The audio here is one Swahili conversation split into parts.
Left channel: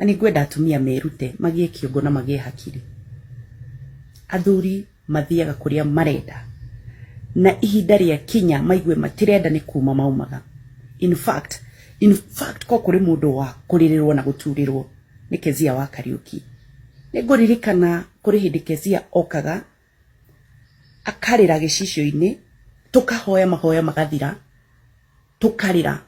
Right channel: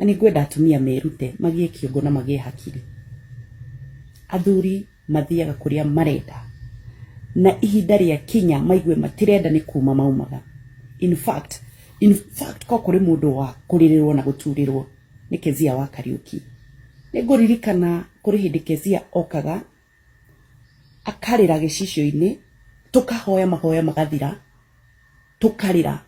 ani gwenda atumia merute magie kiongo na magie hakiri. Athuri mathiaga kuria marenda na ihinda ria kinya maigue matirenda ni kuma maumaga. In fact ko kuri mundu wa kuririrwo na guturirwo ni Kezia wa Kariuki. Niguririkana kuri hindi Kezia okaga akarira gicicio-ini, tukahoya mahoya magathira, tukarira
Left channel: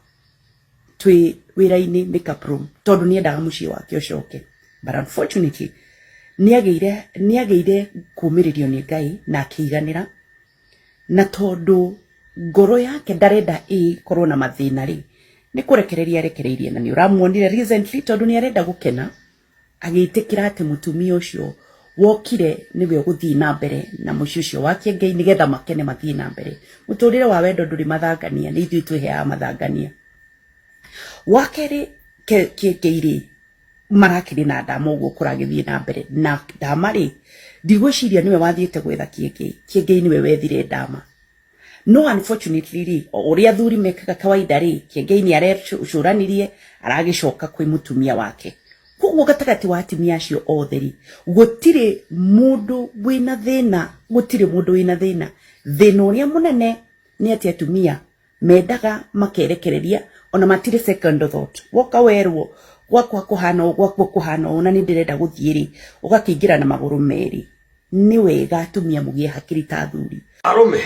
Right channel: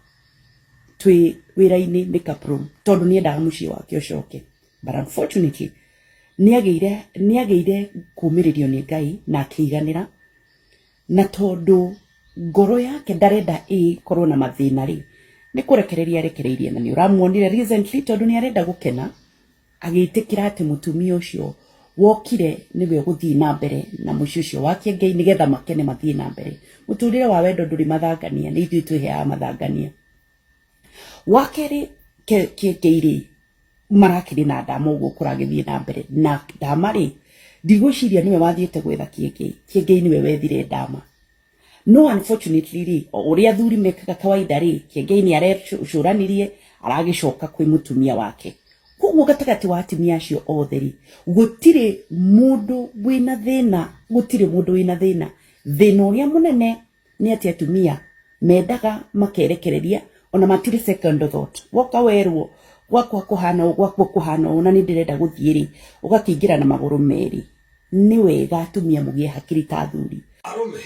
twi wira-ini makeup room tondu ni endaga mucii wake ucoke. But unfortunately niageire kumiririo ni Ngai na akiiganira, na tondu ngoro yake ndarenda ikorwo na mathina ri ni kurekereria rekereirie, na ni uramuonire recently tondu ni arenda gukena agiitikira ati mutumia ucio wokire niwe uguthii na mbere na mucii ucio wake Ngai nigetha makene mathii na mbere. Muturire wa wendo nduri mathangania, ni ithui twiheaga mathangania. Wakeri Keiri marakiri na Ndama uguo kuragithie na mbere, na Ndama ri ndigwiciria niwe wathiete gwetha Kiengei niwe wethire Ndama. No unfortunately ri uria athuri mekaga kawaida ri Kiengei ni arecuranirie aragicoka kwi mutumia wake. Koguo gatagati wa atumia acio othe ri gutire mundu wina thina, thina uria munene ni ati atumia mendaga makerekereria ona matire second thought. Woka werwo gwakwa kuhana na ni ndirenda guthie ri ugakingira na maguru meri. Ni wega atumia mugie hakiri ta athuri. Arume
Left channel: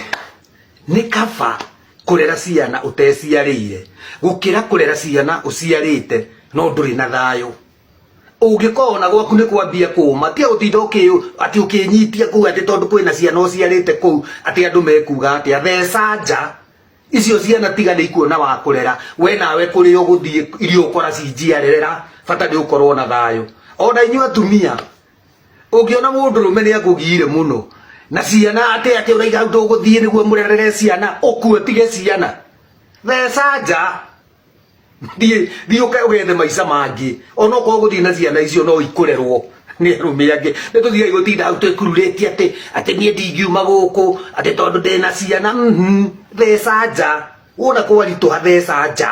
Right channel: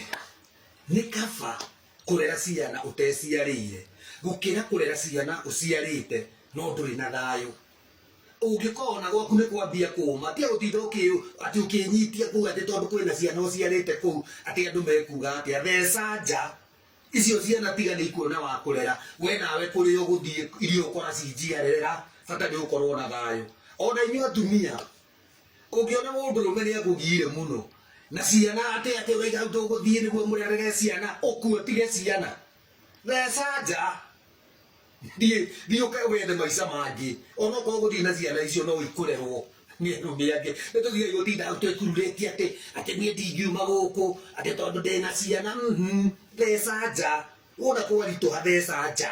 ni kaba kurera ciana uteciarire gukira kurera ciana uciarite no nduri na thayo. Ungikona gwaku ni kwambia kuma tia utinda ati ukinyitia ku ati tondu kwina ciana uciarite ku ati andu mekuga ati atheca nja icio ciana tiga ni ikuona wa kurera we nawe kuri uguthie irio ukora cinjiarerera bata ni ukorwo na thayo. Ona inyu atumia ungiona mundu rume ni akugire muno na ciana ati uraiga nduguthie niguo murerere ciana ukue tige ciana theca nja di ugethe maica mangi ona ko guthie na ciana icio no ikurerwo ni arume angi ni tuthiai gutinda au twekururĩtie ati nie ndingiuma guku ati tondu ndina ciana theca nja wona kwaritu theca nja.